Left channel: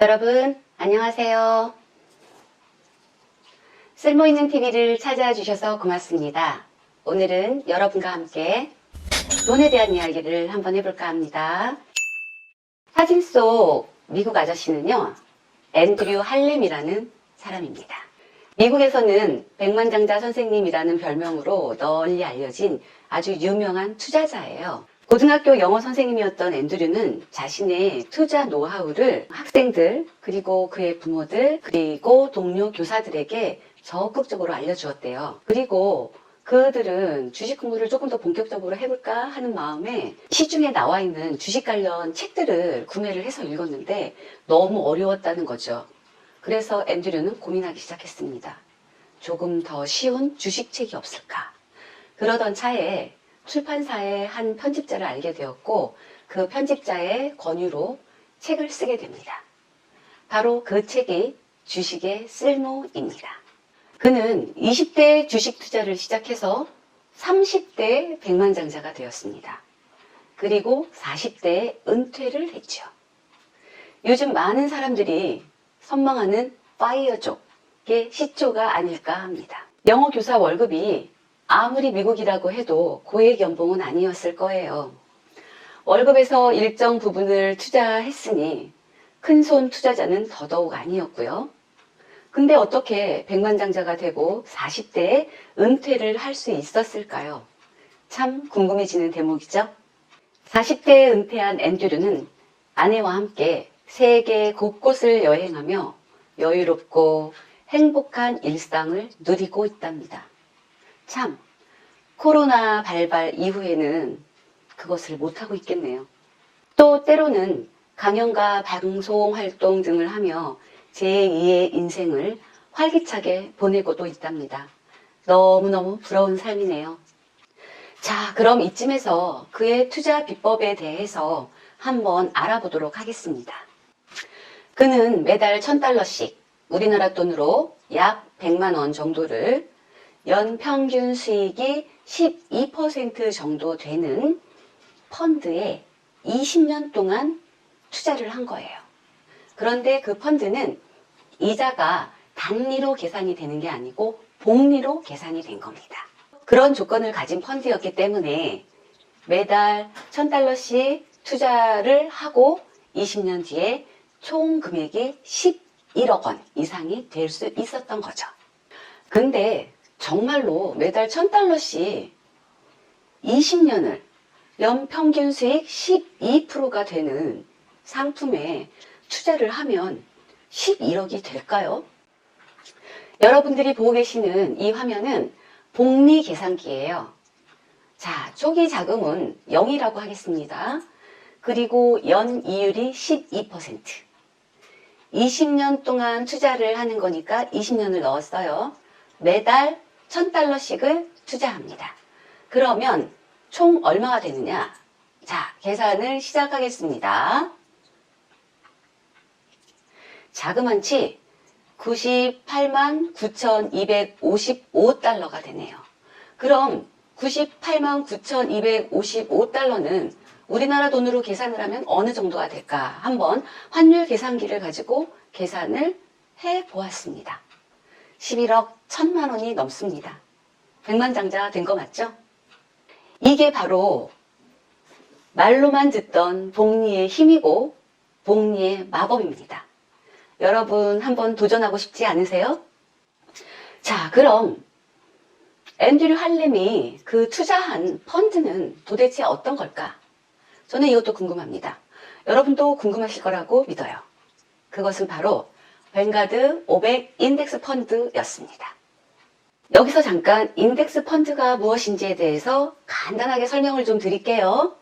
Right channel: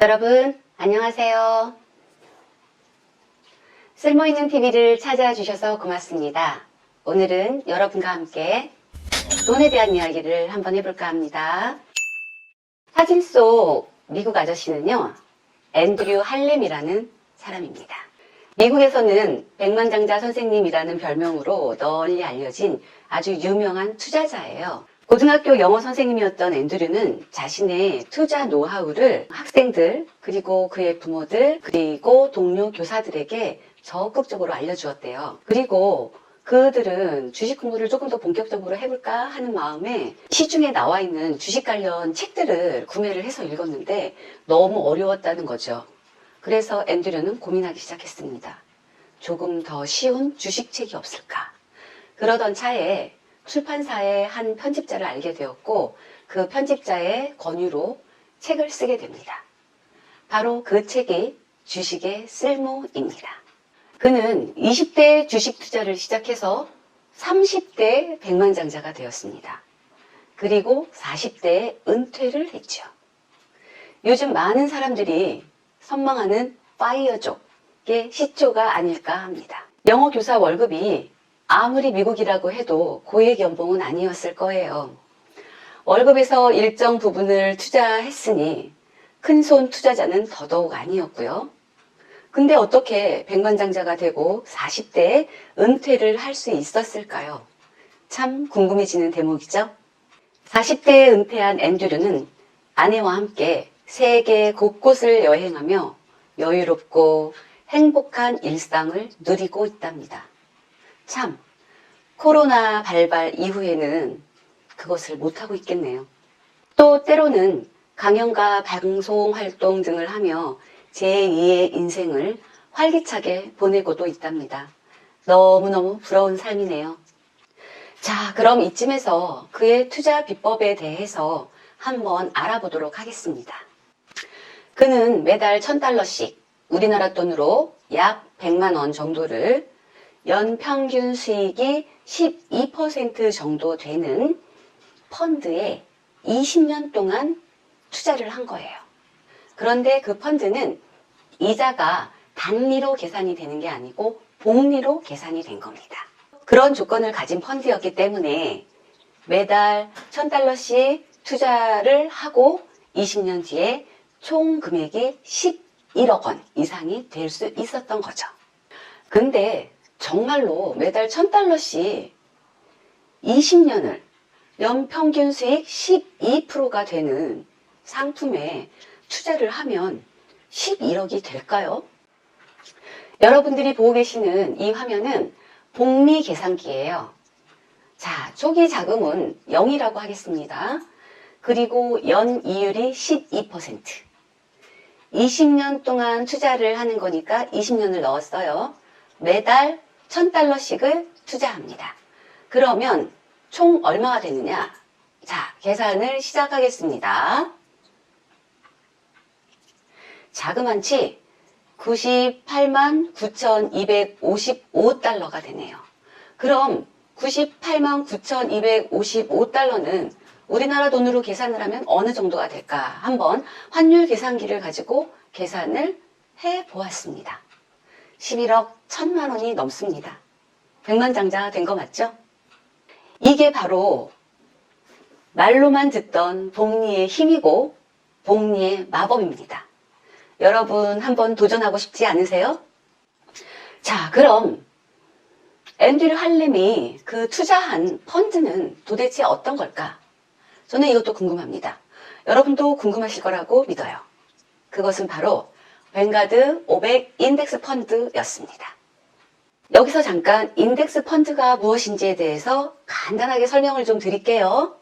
여러분, 안녕하세요. 쓸모있는 TV를 찾아 주셔서 고맙습니다. 오늘은 여러분과 함께 돈에 대한 이야기를 한번 해볼까 합니다. 사진 속 미국 아저씨는요, 앤드류 할렘이라는 사람입니다. 미국에서는 백만장자 선생님이라는 별명으로 널리 알려진 아주 유명한 투자자예요. 고등학교 영어 선생님이었던 앤드류는 자신의 투자 노하우를 학생들, 그리고 그의 부모들, 그리고 동료 교사들에게 적극적으로 알려주었대요. 그리고 그들은 주식 공부를 조금 더 본격적으로 해볼까 하는 마음에 시중에 나와 있는 주식 관련 책들을 구매를 해서 읽었는데 너무 어려웠다는 거죠. 그래서 앤드류는 고민하기 시작했습니다. 조금 더 쉬운 주식책이 없을까? 그러던 차에 출판사의 한 편집자를 알게 되었고 그 편집자의 권유로 책을 쓰게 됩니다. 바로 그 책이 주식의 쓸모입니다. 그는 20대 주식 투자를 시작해서 30대 백만장자가 되었습니다. 그리고 40대에 은퇴를 했죠. 요즘 많은 사람들이 선망하는 파이어족의 시초가 아닐까 합니다. 영어 교사 월급이 아무리 미국이라고 해도 고액 연봉은 아니었을 거예요. 월급에서 일정 부분을 투자했으니 큰 손 투자자는 더더욱 아니었고요. 근데 어떻게 백만장자가 되고 40대에 은퇴를 할 수 있었을까요? 참 궁금해지는 대목이죠? 40대에 은퇴한 앤드류는 아내와 함께 세계 곳곳을 여행하며 여유롭고 행복한 일상을 누리고 있답니다. 참, 코로나 발발 이후에는 그것을 못하고 있겠네요. 또 때로는 강연과 방송 활동 등을 하며 제2의 인생을 활기차게 보내고도 있답니다. 너무너무 부러운 삶이네요. 자, 그럼 이쯤에서 그의 투자 비법에 대해서 한번 알아보도록 하겠습니다. 그는 매달 1000달러씩 우리나라 돈으로 약 100만 원 정도를 연 평균 수익이 12% 정도 되는 펀드에 20년 동안 투자를 한 거예요. 그런데 그 펀드는 이자가 단리로 계산이 되는 게 아니고 복리로 계산이 된 겁니다. 그런 조건을 가진 펀드였기 때문에 매달 1000달러씩 투자를 하고 20년 뒤에 총 금액이 11억 원 이상이 될 수 있었던 거죠. 근데 정말로 매달 1000달러씩 20년을 연평균 수익 12%가 되는 상품에 투자를 하면 11억이 될까요? 여러분들이 보고 계시는 이 화면은 복리 계산기예요. 자, 초기 자금은 0이라고 하겠습니다. 그리고 연 이율이 12%. 20년 동안 투자를 하는 거니까 20년을 넣었어요. 매달 1000달러씩을 투자합니다. 그러면 총 얼마가 되느냐? 자, 계산을 시작하겠습니다. 자그만치 98만 9,255달러가 되네요. 그럼 98만 9,255달러는 우리나라 돈으로 계산을 하면 어느 정도가 될까? 한번 환율 계산기를 가지고 계산을 해 보았습니다. 11억 1천만 원이 넘습니다. 백만장자 된 거 맞죠? 이게 바로 말로만 듣던 복리의 힘이고 복리의 마법입니다. 여러분 한번 도전하고 싶지 않으세요? 자, 그럼 앤드류 할렘이 그 투자한 펀드는 도대체 어떤 걸까? 저는 이것도 궁금합니다. 여러분도 궁금하실 거라고 믿어요. 그것은 바로 뱅가드 500 인덱스 펀드였습니다. 여기서 잠깐 인덱스 펀드가 무엇인지에 대해서 간단하게 설명을 좀 드릴게요.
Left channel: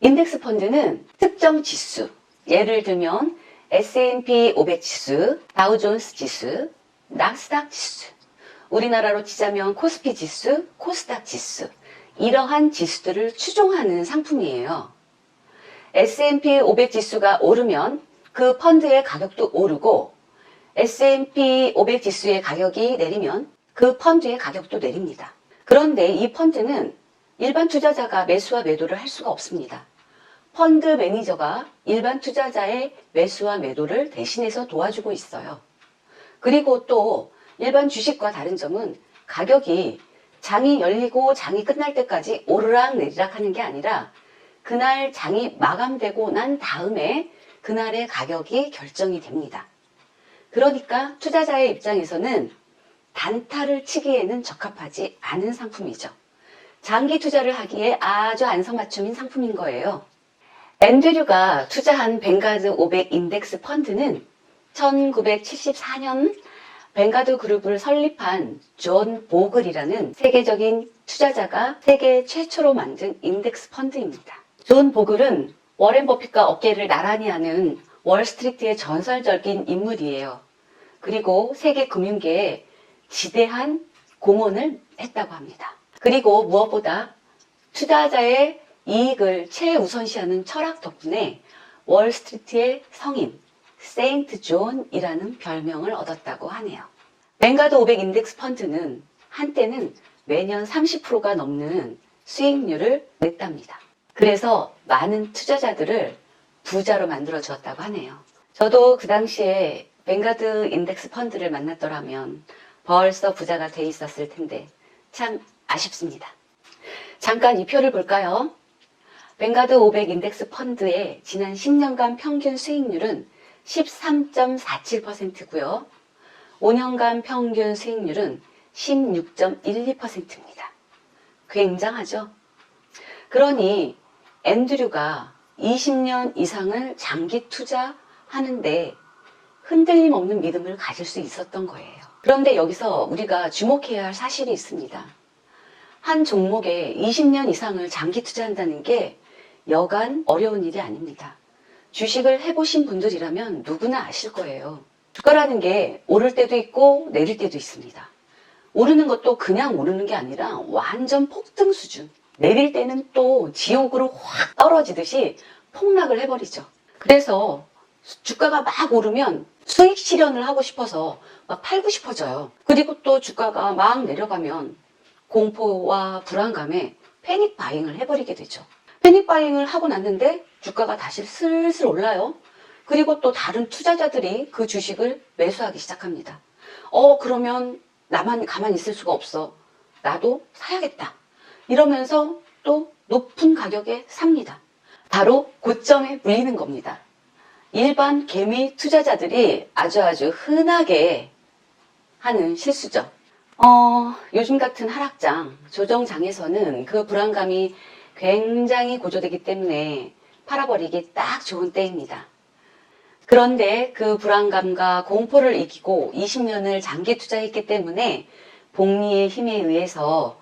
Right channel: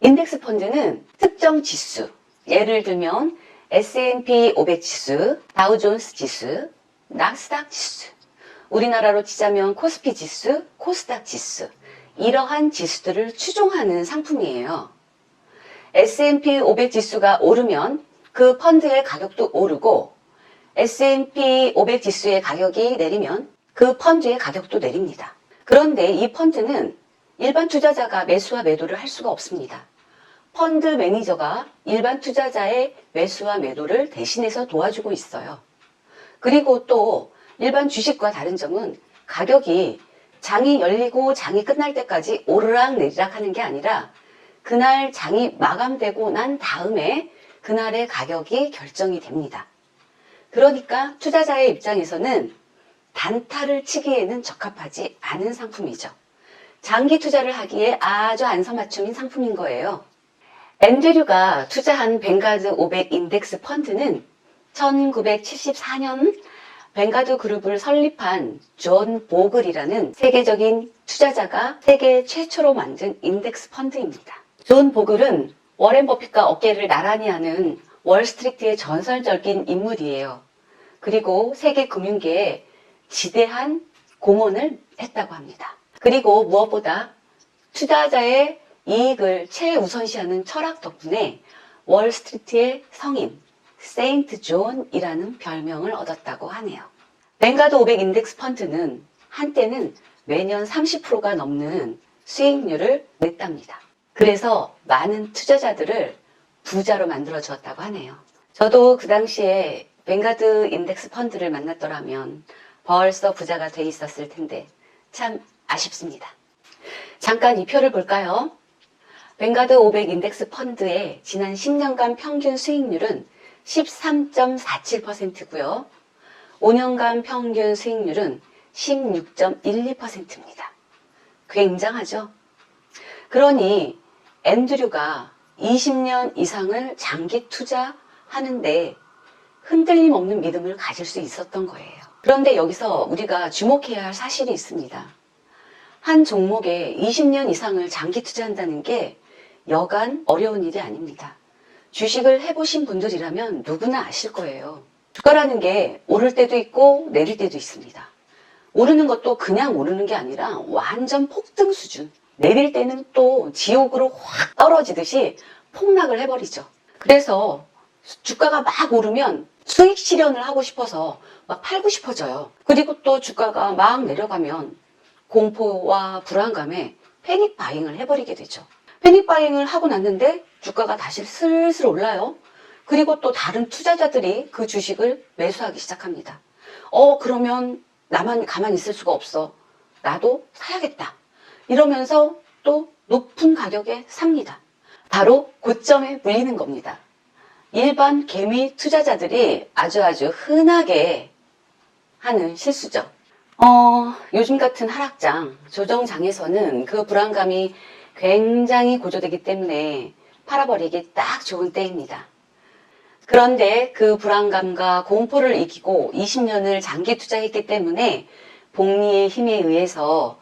인덱스 펀드는 특정 지수, 예를 들면 S&P 500 지수, 다우존스 지수, 낙스닥 지수, 우리나라로 치자면 코스피 지수, 코스닥 지수, 이러한 지수들을 추종하는 상품이에요. S&P 500 지수가 오르면 그 펀드의 가격도 오르고 S&P 500 지수의 가격이 내리면 그 펀드의 가격도 내립니다. 그런데 이 펀드는 일반 투자자가 매수와 매도를 할 수가 없습니다. 펀드 매니저가 일반 투자자의 매수와 매도를 대신해서 도와주고 있어요. 그리고 또 일반 주식과 다른 점은 가격이 장이 열리고 장이 끝날 때까지 오르락 내리락 하는 게 아니라 그날 장이 마감되고 난 다음에 그날의 가격이 결정이 됩니다. 그러니까 투자자의 입장에서는 단타를 치기에는 적합하지 않은 상품이죠. 장기 투자를 하기에 아주 안성맞춤인 상품인 거예요. 앤드류가 투자한 뱅가드 500 인덱스 펀드는 1974년 뱅가드 그룹을 설립한 존 보글이라는 세계적인 투자자가 세계 최초로 만든 인덱스 펀드입니다. 존 보글은 워렌 버핏과 어깨를 나란히 하는 월스트리트의 전설적인 인물이에요. 그리고 세계 금융계에 지대한 공헌을 했다고 합니다. 그리고 무엇보다 투자자의 이익을 최우선시하는 철학 덕분에 월스트리트의 성인 세인트 존이라는 별명을 얻었다고 하네요. 뱅가드 500 인덱스 펀드는 한때는 매년 30%가 넘는 수익률을 냈답니다. 그래서 많은 투자자들을 부자로 만들어 주었다고 하네요. 저도 그 당시에 뱅가드 인덱스 펀드를 만났더라면 벌써 부자가 돼 있었을 텐데 참 아쉽습니다. 잠깐 이 표를 볼까요? 뱅가드 500 인덱스 펀드의 지난 10년간 평균 수익률은 13.47%고요. 5년간 평균 수익률은 16.12%입니다. 굉장하죠? 그러니 앤드류가 20년 이상을 장기 투자하는데 흔들림 없는 믿음을 가질 수 있었던 거예요. 그런데 여기서 우리가 주목해야 할 사실이 있습니다. 한 종목에 20년 이상을 장기 투자한다는 게 여간 어려운 일이 아닙니다. 주식을 해보신 분들이라면 누구나 아실 거예요. 주가라는 게 오를 때도 있고 내릴 때도 있습니다. 오르는 것도 그냥 오르는 게 아니라 완전 폭등 수준. 내릴 때는 또 지옥으로 확 떨어지듯이 폭락을 해버리죠. 그래서 주가가 막 오르면 수익 실현을 하고 싶어서 막 팔고 싶어져요. 그리고 또 주가가 막 내려가면 공포와 불안감에 패닉 바잉을 해버리게 되죠. 패닉 바잉을 하고 났는데 주가가 다시 슬슬 올라요. 그리고 또 다른 투자자들이 그 주식을 매수하기 시작합니다. 어, 그러면 나만 가만히 있을 수가 없어. 나도 사야겠다. 이러면서 또 높은 가격에 삽니다. 바로 고점에 물리는 겁니다. 일반 개미 투자자들이 아주 아주 흔하게 하는 실수죠. 어, 요즘 같은 하락장, 조정장에서는 그 불안감이 굉장히 고조되기 때문에 팔아버리기 딱 좋은 때입니다. 그런데 그 불안감과 공포를 이기고 20년을 장기 투자했기 때문에 복리의 힘에 의해서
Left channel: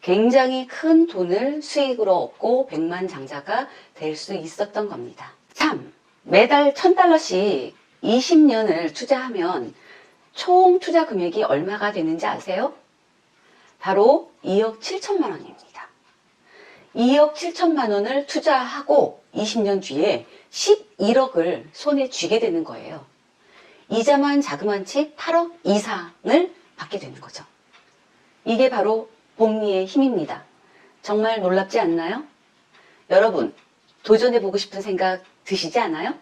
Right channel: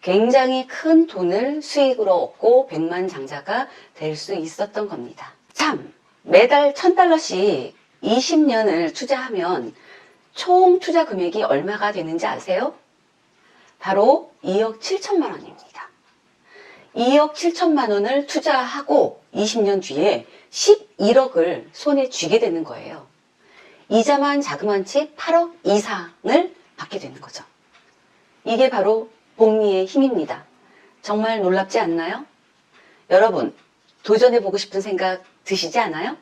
굉장히 큰 돈을 수익으로 얻고 백만장자가 될 수 있었던 겁니다. 참, 매달 1000달러씩 20년을 투자하면 총 투자 금액이 얼마가 되는지 아세요? 바로 2억 7천만 원입니다. 2억 7천만 원을 투자하고 20년 뒤에 11억을 손에 쥐게 되는 거예요. 이자만 자그만 채 8억 이상을 받게 되는 거죠. 이게 바로 복리의 힘입니다. 정말 놀랍지 않나요? 여러분, 도전해보고 싶은 생각 드시지 않아요?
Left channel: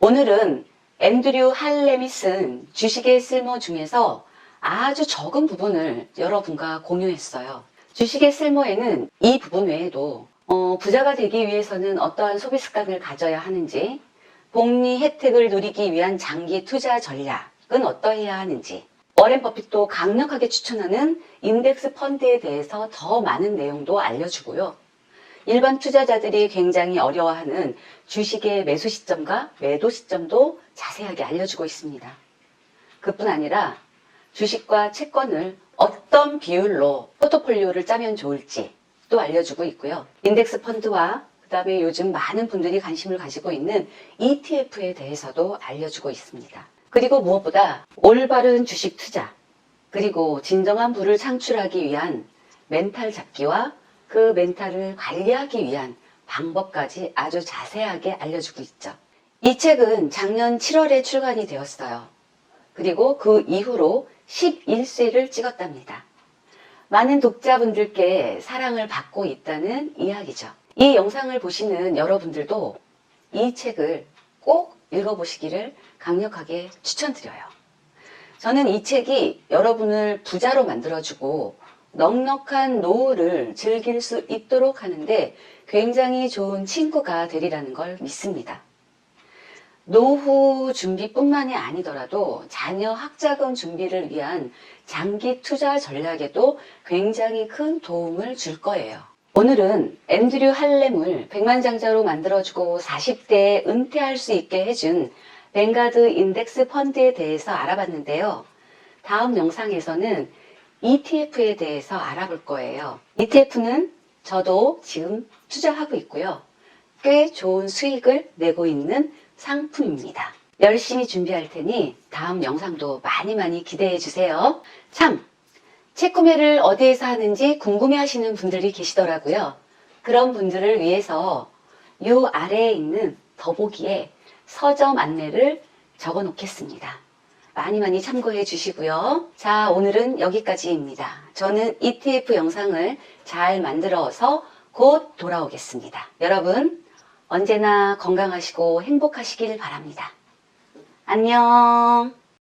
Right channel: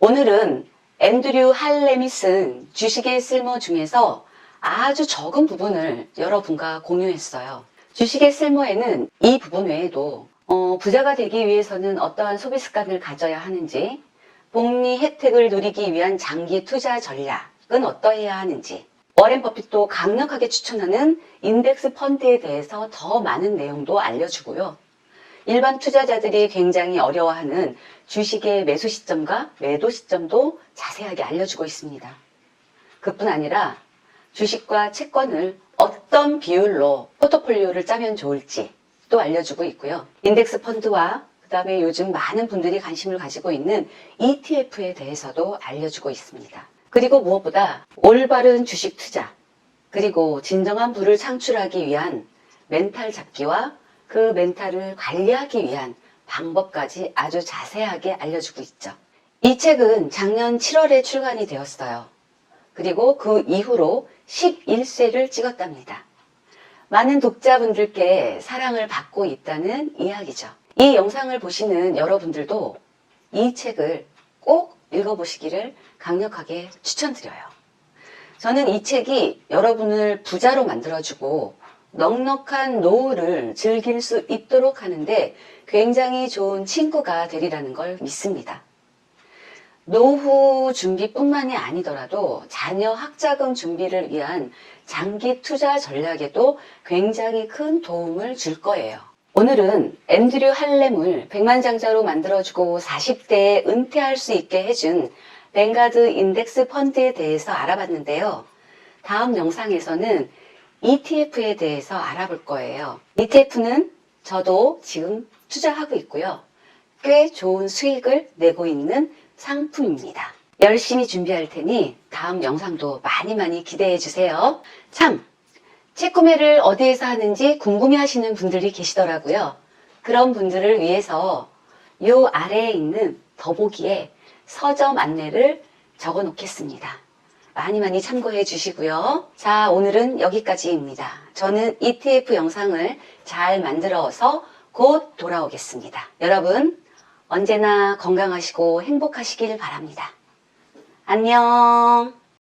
오늘은 앤드류 할렘이 쓴 주식의 쓸모 중에서 아주 적은 부분을 여러분과 공유했어요. 주식의 쓸모에는 이 부분 외에도 어, 부자가 되기 위해서는 어떠한 소비 습관을 가져야 하는지, 복리 혜택을 누리기 위한 장기 투자 전략은 어떠해야 하는지, 워렌 버핏도 강력하게 추천하는 인덱스 펀드에 대해서 더 많은 내용도 알려주고요. 일반 투자자들이 굉장히 어려워하는 주식의 매수 시점과 매도 시점도 자세하게 알려주고 있습니다. 그뿐 아니라 주식과 채권을 어떤 비율로 포트폴리오를 짜면 좋을지 또 알려주고 있고요. 인덱스 펀드와 그 다음에 요즘 많은 분들이 관심을 가지고 있는 ETF에 대해서도 알려주고 있습니다. 그리고 무엇보다 올바른 주식 투자, 그리고 진정한 부를 창출하기 위한 멘탈 잡기와 그 멘탈을 관리하기 위한 방법까지 아주 자세하게 알려주고 있죠. 이 책은 작년 7월에 출간이 되었어요. 그리고 그 이후로 11쇄를 찍었답니다. 많은 독자분들께 사랑을 받고 있다는 이야기죠. 이 영상을 보시는 여러분들도 이 책을 꼭 읽어보시기를 강력하게 추천드려요. 저는 이 책이 여러분을 부자로 만들어주고 넉넉한 노후를 즐길 수 있도록 하는데 굉장히 좋은 친구가 되리라는 걸 믿습니다. 노후 준비뿐만이 아니더라도 자녀 학자금 준비를 위한 장기 투자 전략에도 굉장히 큰 도움을 줄 거예요. 오늘은 앤드류 할렘을 백만장자로 만들어주고 40대에 은퇴할 수 있게 해준 뱅가드 인덱스 펀드에 대해서 알아봤는데요. 다음 영상에서는 ETF에 대해서 알아볼 거예요. ETF는 저도 지금 투자하고 있고요. 꽤 좋은 수익을 내고 있는 상품입니다. 열심히 준비할 테니 다음 영상도 많이 많이 기대해 주세요. 참! 책 구매를 어디에서 하는지 궁금해 하시는 분들이 계시더라고요. 그런 분들을 위해서 요 아래에 있는 더보기에 서점 안내를 적어 놓겠습니다. 많이 많이 참고해 주시고요. 자, 오늘은 여기까지입니다. 저는 ETF 영상을 잘 만들어서 곧 돌아오겠습니다. 여러분, 언제나 건강하시고 행복하시길 바랍니다. 안녕!